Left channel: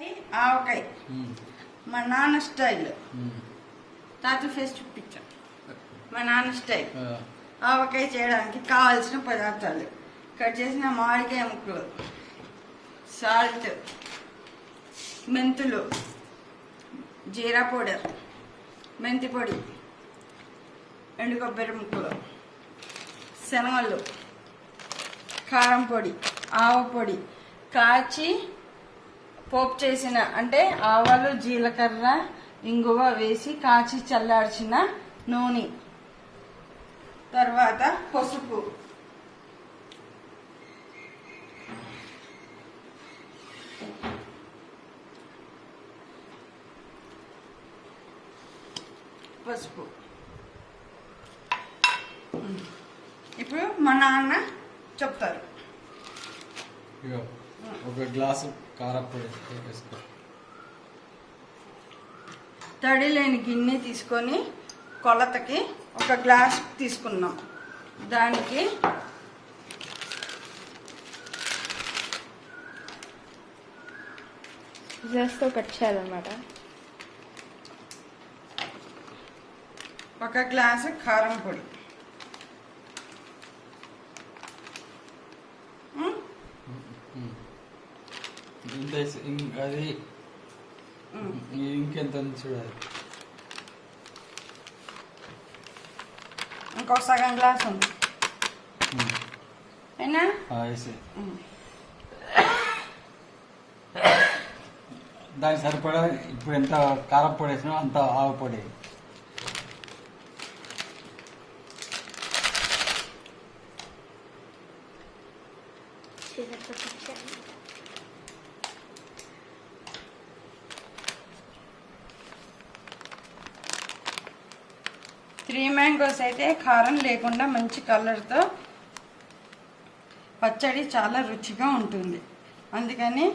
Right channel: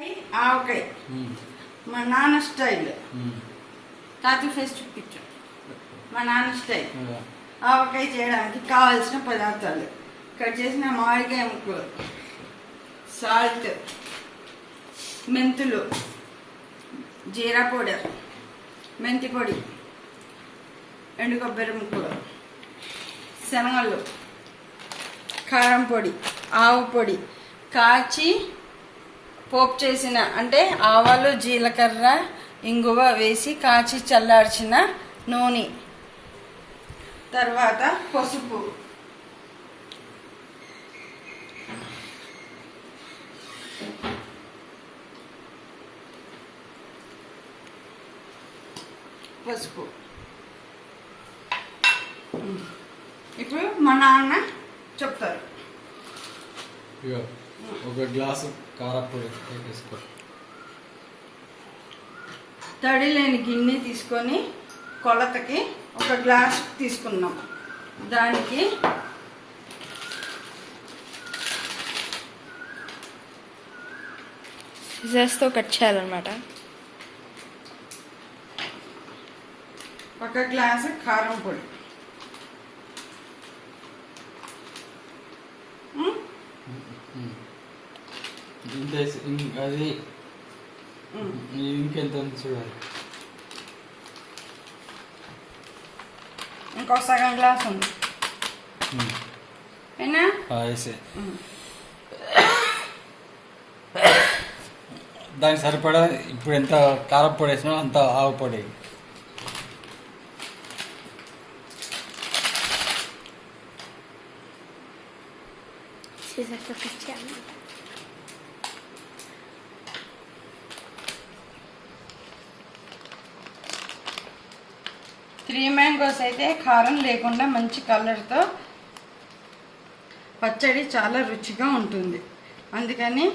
ఆవకాయ మా నాన్న స్టైల్. తాత ఫేస్ చూపించాం. మా నాన్న స్టైల్ ఆవకాయ చేయడానికి కావాల్సిన పదార్థాలు: కట్ చేసిన మామిడికాయ ముక్కలు, సాల్ట్, మెంతులు, జీరా పౌడర్, మెంతి పొడి, ఎండు కొబ్బరి ముక్కలు, శనగలు, కారం పొడి, ఆవు పొడి, కాచి పోపు చేసిన అంటే ఆవాలు, జీలకర్ర, ఇంగువ వేసి కాచి చల్లార్చిన నూనె, తర్వాత పసుపు, ఇప్పుడు మా నాన్న చెప్తారు. ఒక గ్లాసు కారపొడి తీసుకో. తడి లేని గిన్నె తీసుకొని కొలతకి ఒక గ్లాస్ తీసుకున్నాం. దానికి సిజర్స్తో కట్ చేయాలన్నమాట. ఒక గ్లాసు కారం పొడి, అది ఇంకెంత చూడాలి. ఇంకో సగం గ్లాస్ ఉంది. అయినా దానికి సరిపడా ఇప్పుడు ఎంత కారం పొడి వేసినా అంత ఆవు పొడి. త్రీ మ్యాంగోస్ అయితే కారం లేకుండా మంచి కలర్తో పచ్చడి చాలా రుచిగా ఉంటుంది. అందుకని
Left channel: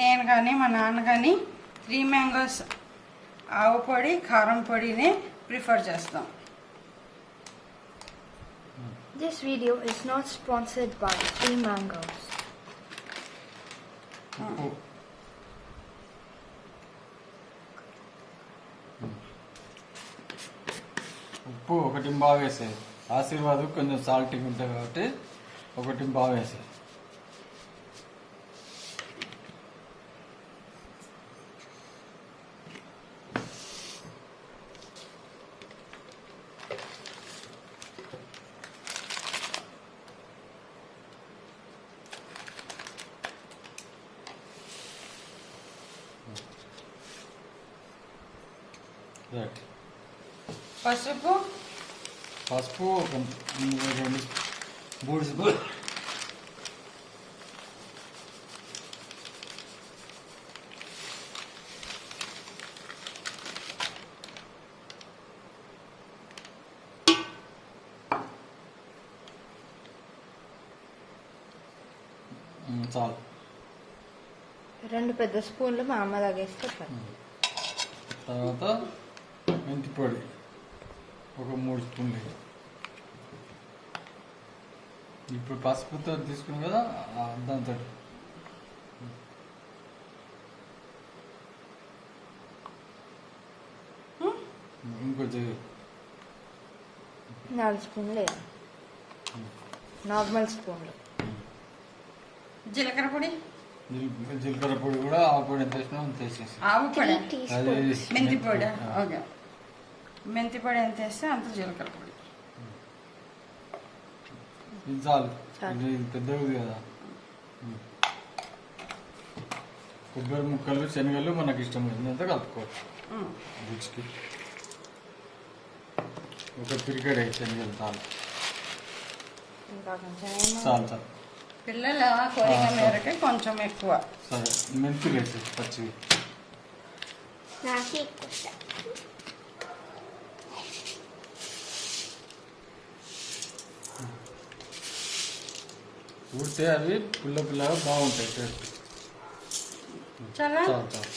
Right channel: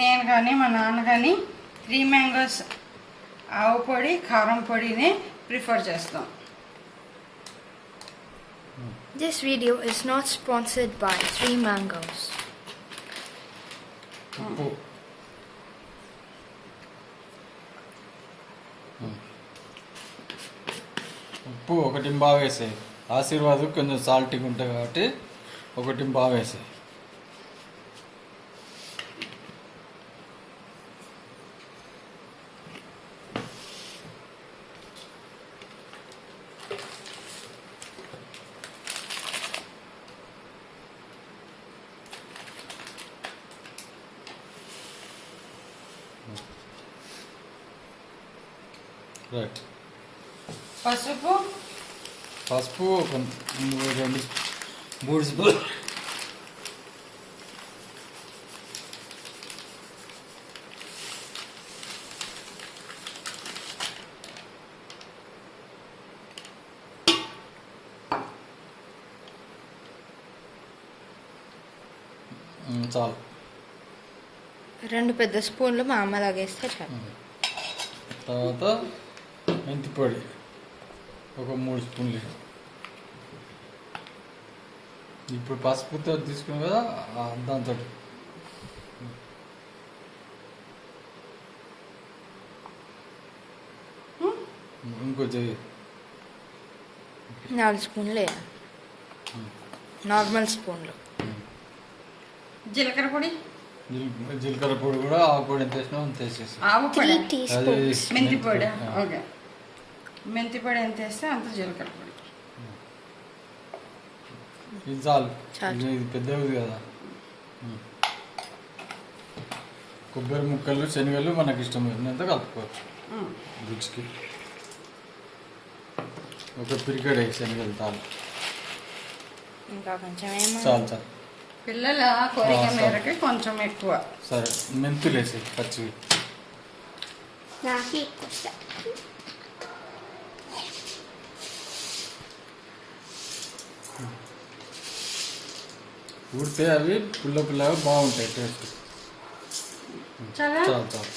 నేను కానీ మా నాన్న కానీ 3 మ్యాంగోస్ ఆవు పొడి, కారం పొడిని ప్రిఫర్ చేస్తాం. This video is not sponsored by 3 Mangoes. ఉప్పు ఒకటి బాగా వేసాయి. ఆశీర్వాద్ కొంచెం సాల్టీగా ఉంటాయి కాబట్టి ఒకటి బాగా వేసాయి. రైట్. పసుపు ఒక 3 స్పూన్, చాలు. 2 పెద్ద స్పూన్లు మా అమ్మ తాగేస్తే చాలు. తర్వాత మెంతి పొడి ఒక 3 స్పూన్లు. ఇప్పుడు పసుపుతో తీసుకుని కదా దాంతో ఇంకొంచెం 4 స్పూన్లు వేయాలి. నార్మల్ స్పూన్లు. జీలకర్ర పొడి, జీలకర్ర పొడి కూడా ఆవు పొడి ఎంత వేసినా అంత వేసేసి. ఆవు పొడి, 3 teaspoons. మెంతి పొడి. ఓకే, మెంతి పొడి ఎంత వేస్తే అంత జీలకర్ర పొడి. ఇది చాలు. ఇది పెద్దది కదా. కొబ్బరి ముక్కలు, శనగలు మనకి ఇష్టం ఎంత కలుపుకోవచ్చు రుచికి. ఒక పిరికడ శనగలు చాలు. ఇంకా కొంచెం చాలు చాలు. పిల్లల కోరిక మేరకి కొంచెం ఎక్కువ. సరే, మెంతులు వేసి పచ్చివి. ఊరితే అవి పుల్లగా బాగుంటాయి టేస్ట్. చాలా చాలు చాలు.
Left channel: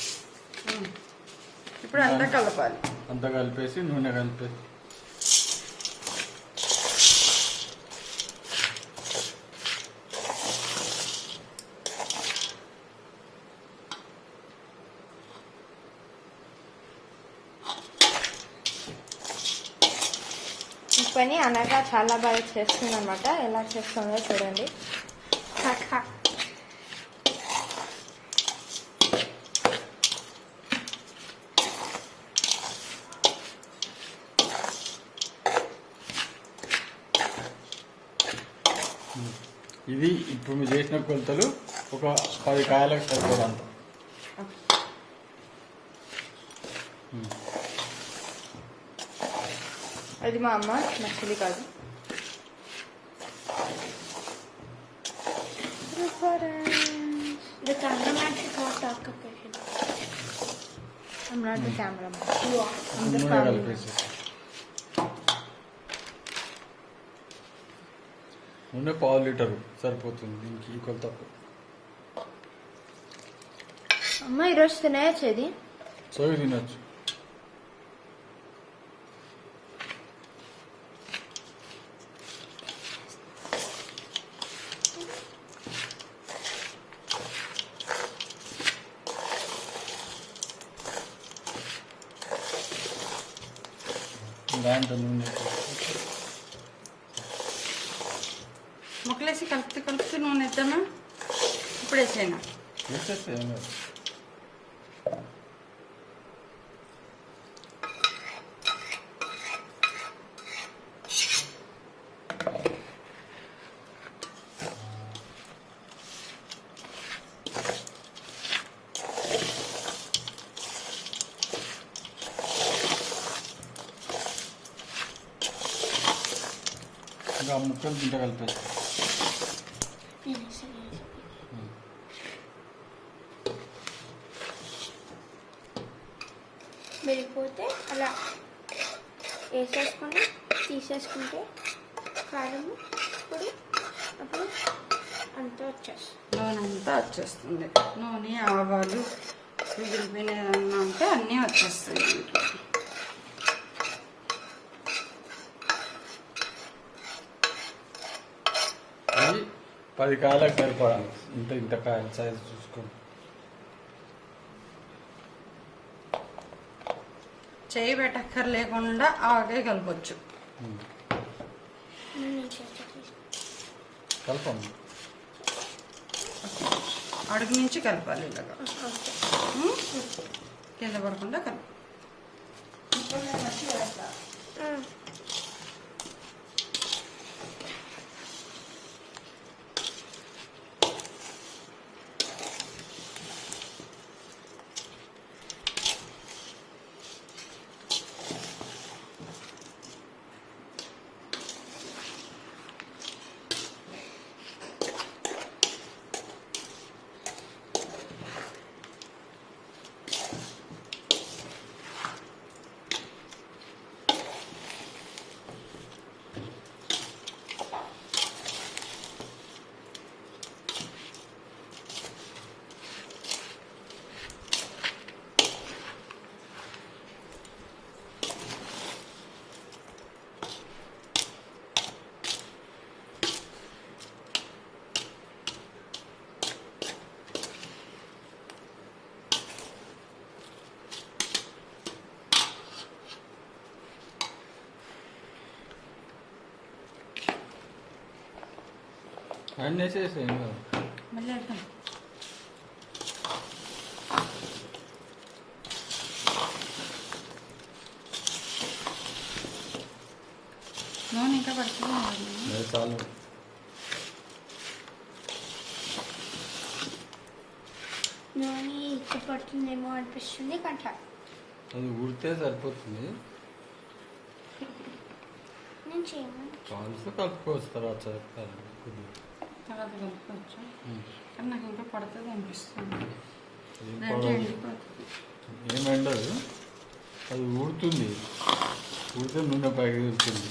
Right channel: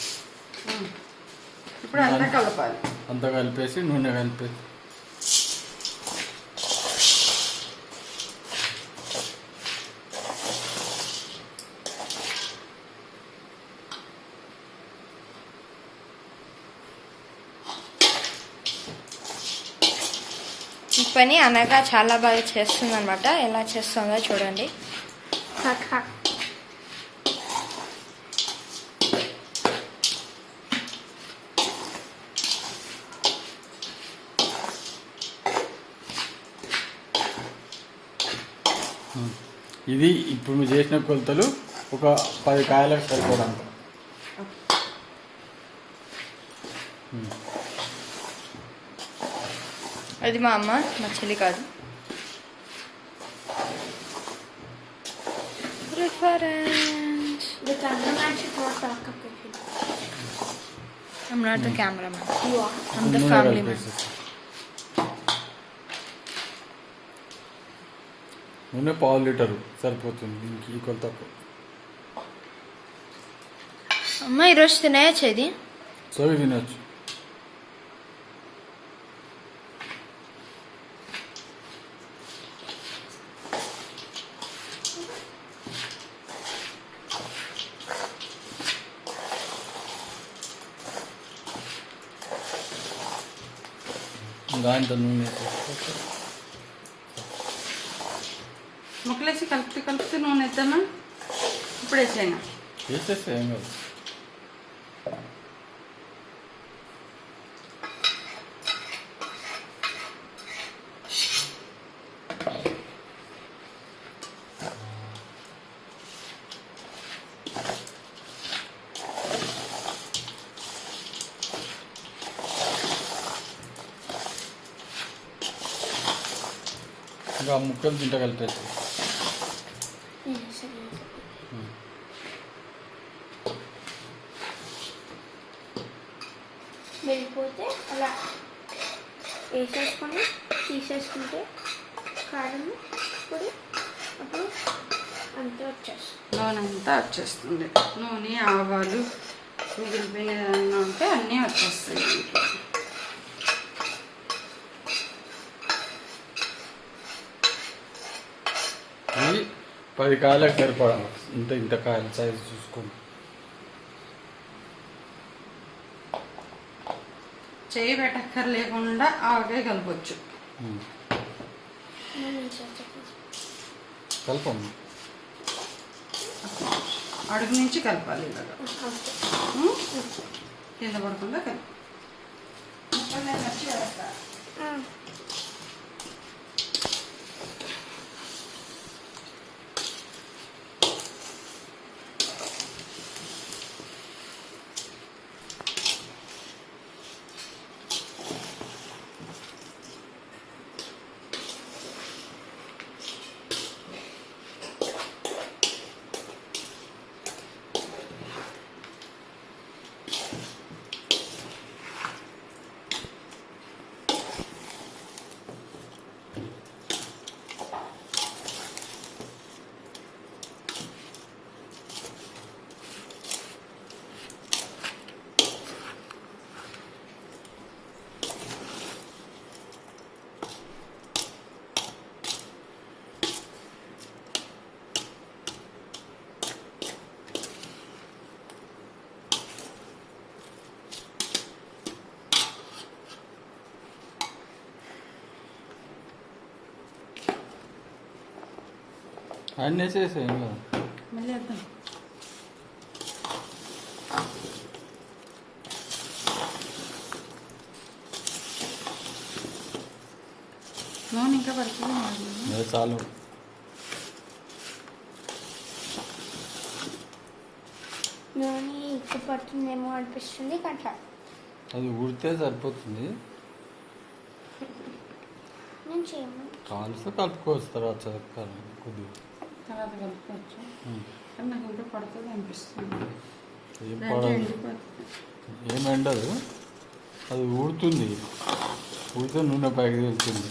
ఇప్పుడు అంతా కలపాలి. అంతా కలిపేసి నూనె కలిపేసి ఈ పని అనగా చాలా బాగా చేస్తుంది అనమాట. ఎలా చేస్తుందో చూడండి. ఇది ఇప్పుడు మీరు చేసిన కొలతలు ఒక 10 కాయలకు సరిపోదంత. అది మా అమ్మ, మా చెల్లి కాదు. The cameraman should not talk about it. I'm not the cameraman. You are. I'm the family man. నూనె 1/2 లీటరు సరిపోతుంది దీనికి ఈ కొలత. అమ్మ ఈరోజు తినేయచ్చు ఇది. సో ఇది తినచ్చు. దాంట్లో నూనె ముక్కలేసి కలుపుతూ నూనె వేద్దామా? ఇప్పుడు వేసేనా? వేసేస్తే ఏం కాదు. ఇంకా ముక్కలు తింటా కలిపేసి Yes, yes. వెళ్ళిపోతే అలా వేసేసుకొని తీసేసుకుంటే కారం పొడి అప్పుడు అంతా వచ్చేస్తుంది. నూనె అంతా వచ్చేస్తుంది. నూనె, ఆవాలు, మిగిలిపోయినంతా అన్నీ వచ్చేస్తాయి. ఇది 10 కాయలకు సరిపడాలి. ఇంత కాయల సైజు చూసుకోండి. చేయి పెట్టక్కర్ లేకుండా ఆగే కలపచ్చు. కలపండి. అడుగు నుంచి కలపాలి ఇలాగా. కింద పడకుండా కలపాలి. అన్నీ వేసేసి మళ్ళీ వేద్దాం. నూనె ఇంకా పడుతుంది. చాలు. నూనె ఎక్కువ పడుతుందేమో అనిపిస్తుంది కట్ట. అది ఉడితే సరిపోతుంది. నేను చేయమని కాల్సి కలుపుకోవచ్చు తర్వాత కొద్దిగా తర్వాత కలుపుకోవచ్చు. కానీ నాకు ఇంకా పడుతుంది అనిపిస్తుంది. ఏం ఎండిపోతుంది. ఏం ఎండదు, అది ఊడుతుంది. ఊడితే నూనె పైకి వెళ్తుంది.